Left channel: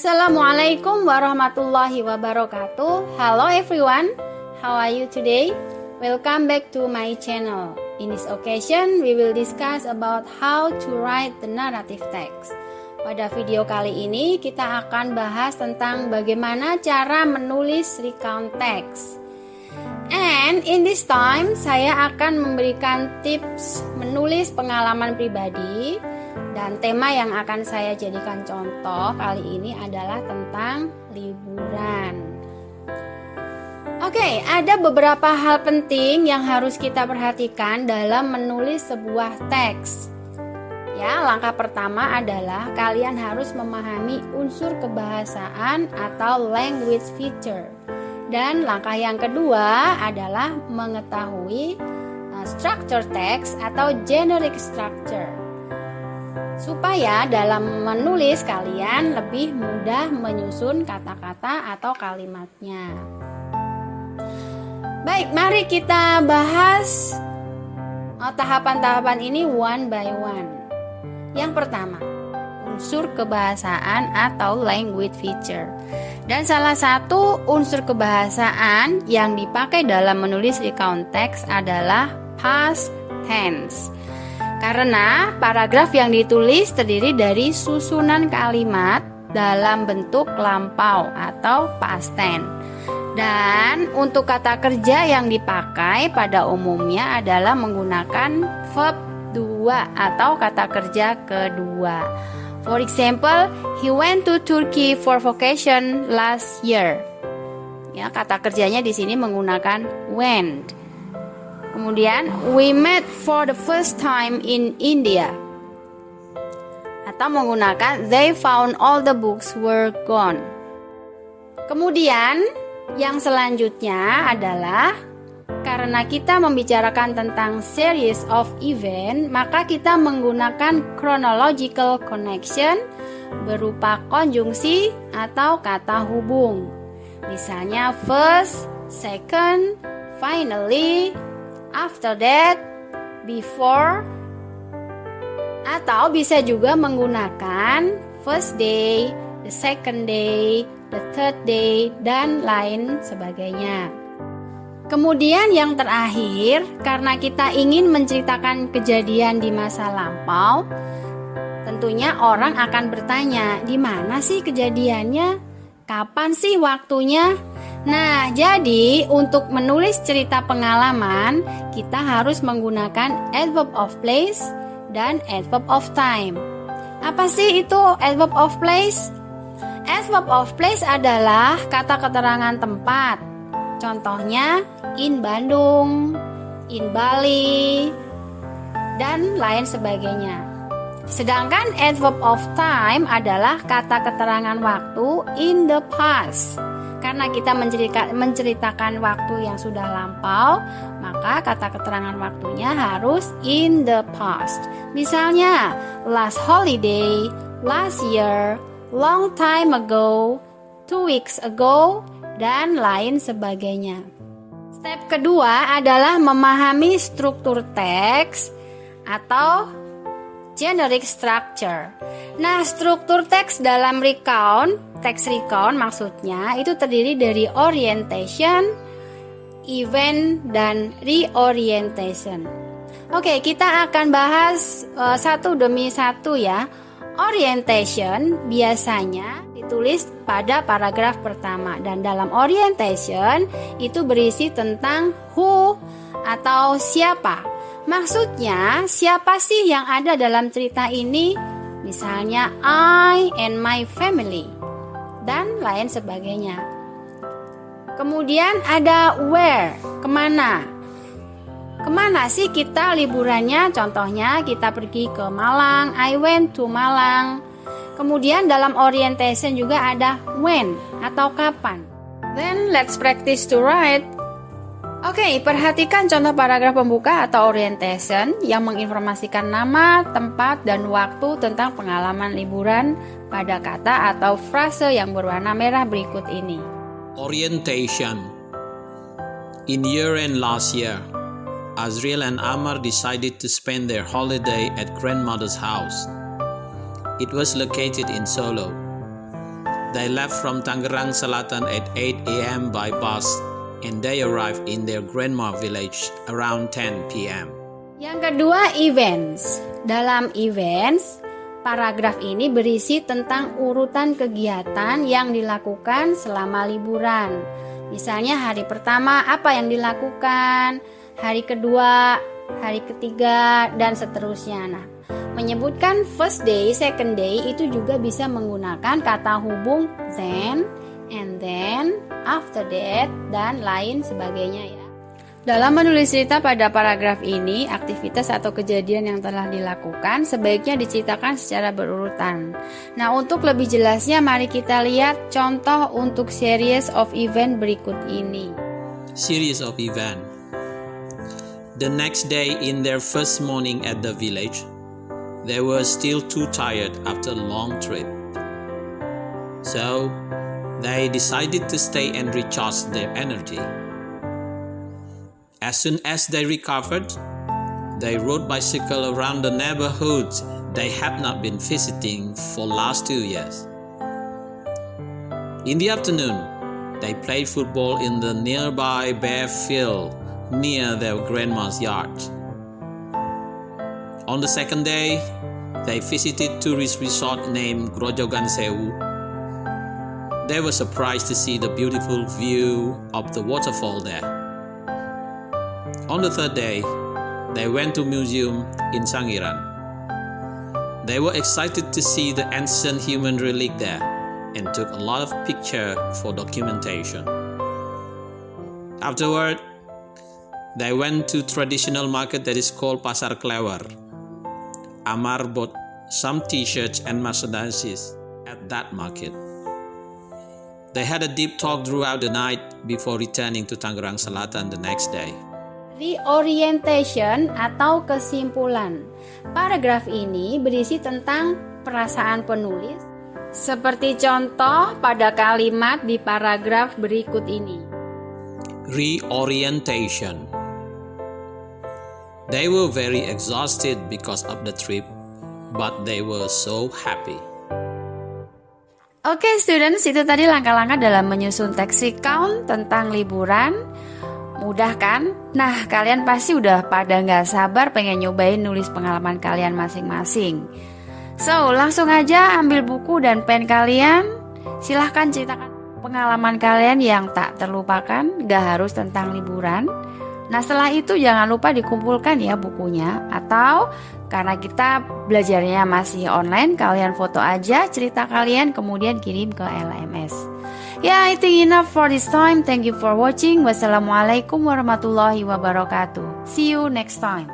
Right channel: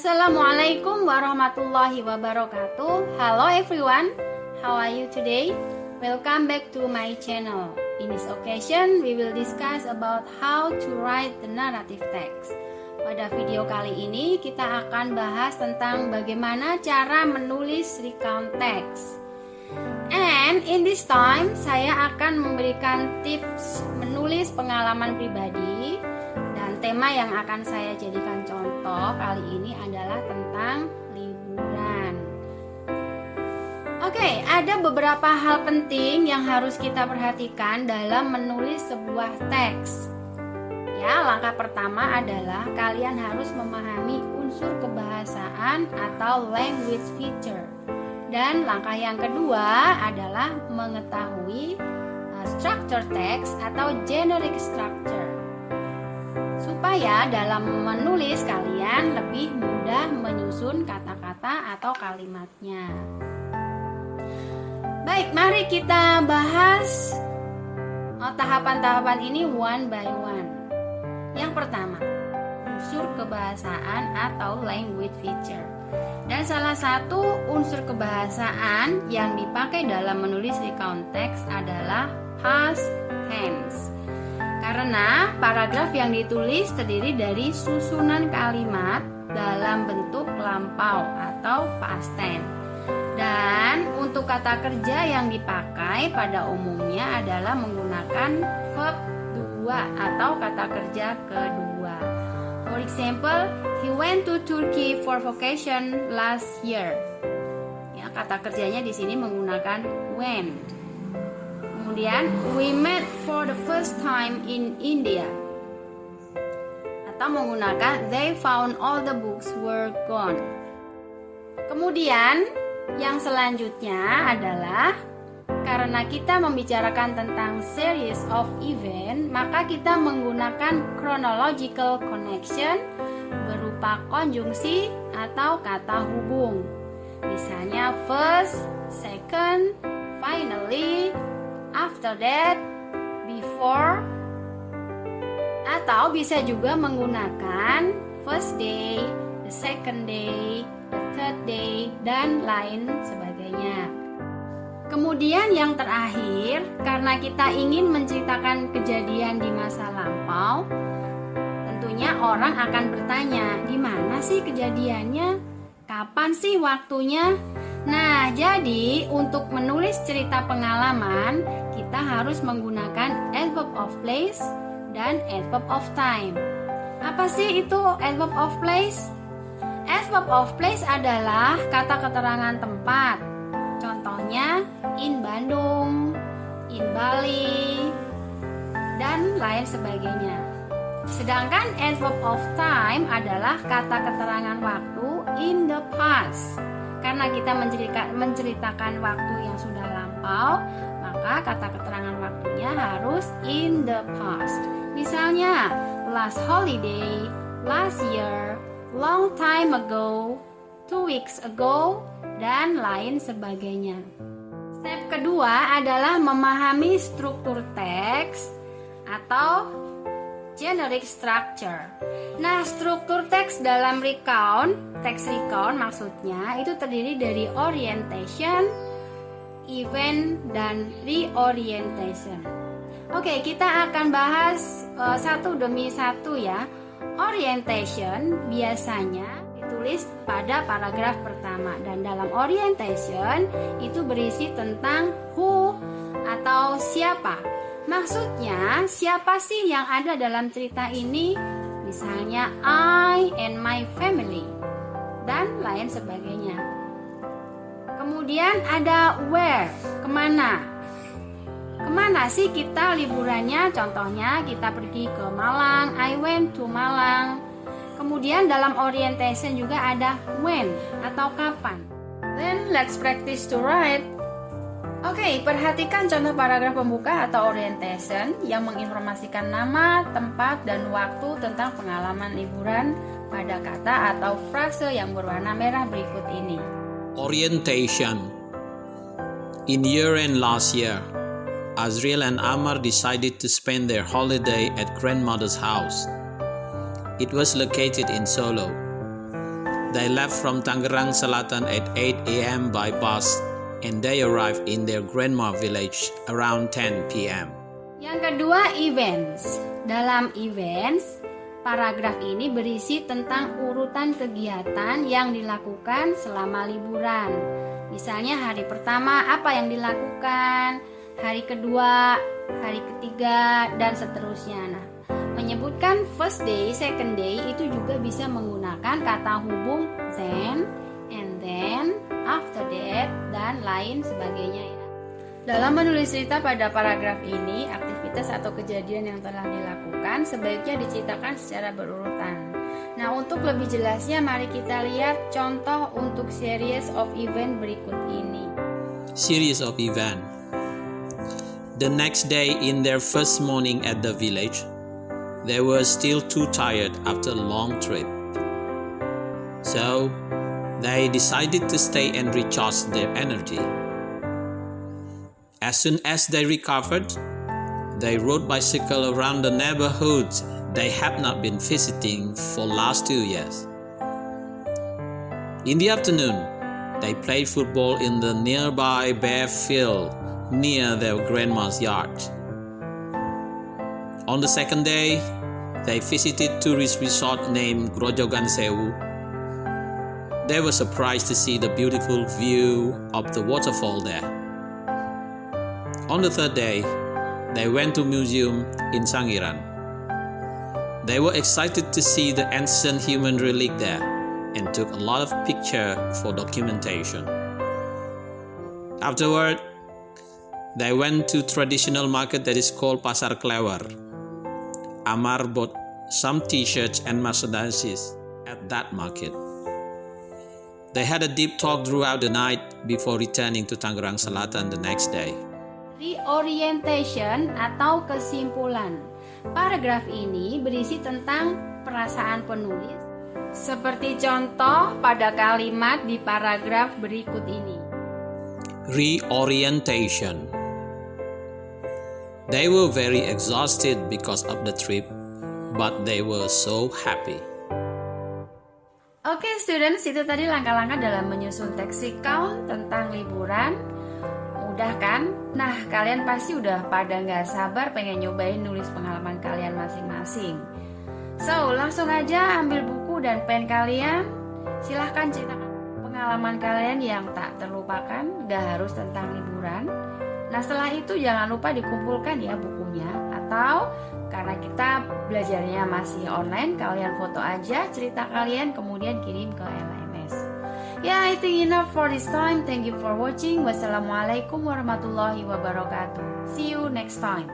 Assalamualaikum warahmatullahi wabarakatuh. Hello everyone, how are you today? Welcome back to my channel. In this occasion, we will discuss about how to write the narrative text. Pada video kali ini kita akan bahas tentang bagaimana cara menulis recount text. And in this time, saya akan memberikan tips menulis pengalaman pribadi. Dan tema yang akan saya jadikan contoh kali ini adalah tentang liburan. Oke, ada beberapa hal penting yang harus kita perhatikan dalam menulis sebuah teks. Ya, langkah pertama adalah kalian harus memahami unsur kebahasaan atau language feature. Dan langkah yang kedua adalah mengetahui structure text atau generic structure. Supaya dalam menulis kalian lebih mudah menyusun kata-kata atau kalimatnya. Baik, mari kita bahas tahapan-tahapan ini one by one. Yang pertama, unsur kebahasaan atau language feature. Dan salah satu unsur kebahasaan yang dipakai dalam menulis recount text adalah past tense. Karena paragraf yang ditulis terdiri dari susunan kalimat dalam bentuk lampau atau past tense. Dan untuk kata kerja yang dipakai pada umumnya adalah menggunakan verb 2 atau kata kerja kedua. For example, he went to Turkey for vacation last year. Ya, kata kerjanya di sini menggunakan went. Kemudian, we met for the first time in India. Atau menggunakan they found all the books were gone. Kemudian, yang selanjutnya adalah karena kita membicarakan tentang series of event, maka kita menggunakan chronological connection berupa konjungsi atau kata hubung. Misalnya first, second, finally, after that, before, atau bisa juga menggunakan first day, the second day, the third day, dan lain sebagainya. Kemudian yang terakhir, karena kita ingin menceritakan kejadian di masa lampau, tentunya orang akan bertanya, di mana sih kejadiannya? Kapan sih waktunya? Nah, jadi untuk menulis cerita pengalaman, kita harus menggunakan adverb of place dan adverb of time. Apa sih itu adverb of place? Adverb of place adalah kata keterangan tempat. Contohnya, in Bandung, in Bali, dan lain sebagainya. Sedangkan adverb of time adalah kata keterangan waktu in the past. Karena kita menceritakan waktu yang sudah lampau, maka kata keterangan waktunya harus in the past. Misalnya, last holiday, last year, long time ago, 2 weeks ago, dan lain sebagainya. Step kedua adalah memahami struktur teks atau generic structure. Nah, struktur teks dalam teks recount maksudnya itu terdiri dari orientation, event, dan reorientation. Oke, kita akan bahas satu demi satu ya. Orientation biasanya ditulis pada paragraf pertama, dan dalam orientation itu berisi tentang who atau siapa. Maksudnya, siapa sih yang ada dalam cerita ini? Misalnya, I and my family, dan lain sebagainya. Kemudian ada where, kemana? Kemana sih kita liburannya? Contohnya, kita pergi ke Malang, I went to Malang. Kemudian dalam orientation juga ada when atau kapan. Then let's practice to write. Oke, perhatikan contoh paragraf pembuka atau orientation yang menginformasikan nama, tempat, dan waktu tentang pengalaman liburan pada kata atau frase yang berwarna merah berikut ini. Orientation. In year-end last year, Azriel and Amar decided to spend their holiday at grandmother's house. It was located in Solo. They left from Tangerang Selatan at 8 a.m. by bus and they arrived in their grandma village around 10 p.m. Yang kedua, events. Dalam events, paragraf ini berisi tentang urutan kegiatan yang dilakukan selama liburan. Misalnya hari pertama apa yang dilakukan, hari kedua, hari ketiga, dan seterusnya. Nah, menyebutkan first day, second day itu juga bisa menggunakan kata hubung then, and then, after that, dan lain sebagainya ya. Dalam menulis cerita pada paragraf ini, aktivitas atau kejadian yang telah dilakukan sebaiknya diceritakan secara berurutan. Nah, untuk lebih jelasnya mari kita lihat contoh untuk series of event berikut ini. Series of event. The next day in their first morning at the village, they were still too tired after a long trip. So, they decided to stay and recharge their energy. As soon as they recovered, they rode bicycle around the neighborhood they had not been visiting for last 2 years. In the afternoon, they played football in the nearby bare field near their grandma's yard. On the second day, they visited tourist resort named Grojogan Sewu. They were surprised to see the beautiful view of the waterfall there. On the third day, they went to museum in Sangiran. They were excited to see the ancient human relic there and took a lot of pictures for documentation. Afterward, they went to traditional market that is called Pasar Klewer. Amar bought some t-shirts and merchandise at that market. They had a deep talk throughout the night before returning to Tangerang Selatan the next day. Reorientation atau kesimpulan. Paragraf ini berisi tentang perasaan penulis seperti contoh pada kalimat di paragraf berikut ini. Reorientation. They were very exhausted because of the trip, but they were so happy. Oke, students, itu tadi langkah-langkah dalam menyusun teks recount tentang liburan. Mudah kan? Nah, kalian pasti udah pada nggak sabar pengen nyobain nulis pengalaman kalian masing-masing. So, langsung aja ambil buku dan pen kalian. Silahkan ceritakan pengalaman kalian yang tak terlupakan, gak harus tentang liburan. Nah, setelah itu jangan lupa dikumpulkan ya bukunya. Atau karena kita belajarnya masih online, kalian foto aja cerita kalian kemudian kirim ke LMS. Ya, I think enough for this time. Thank you for watching. Wassalamualaikum warahmatullahi wabarakatuh. See you next time.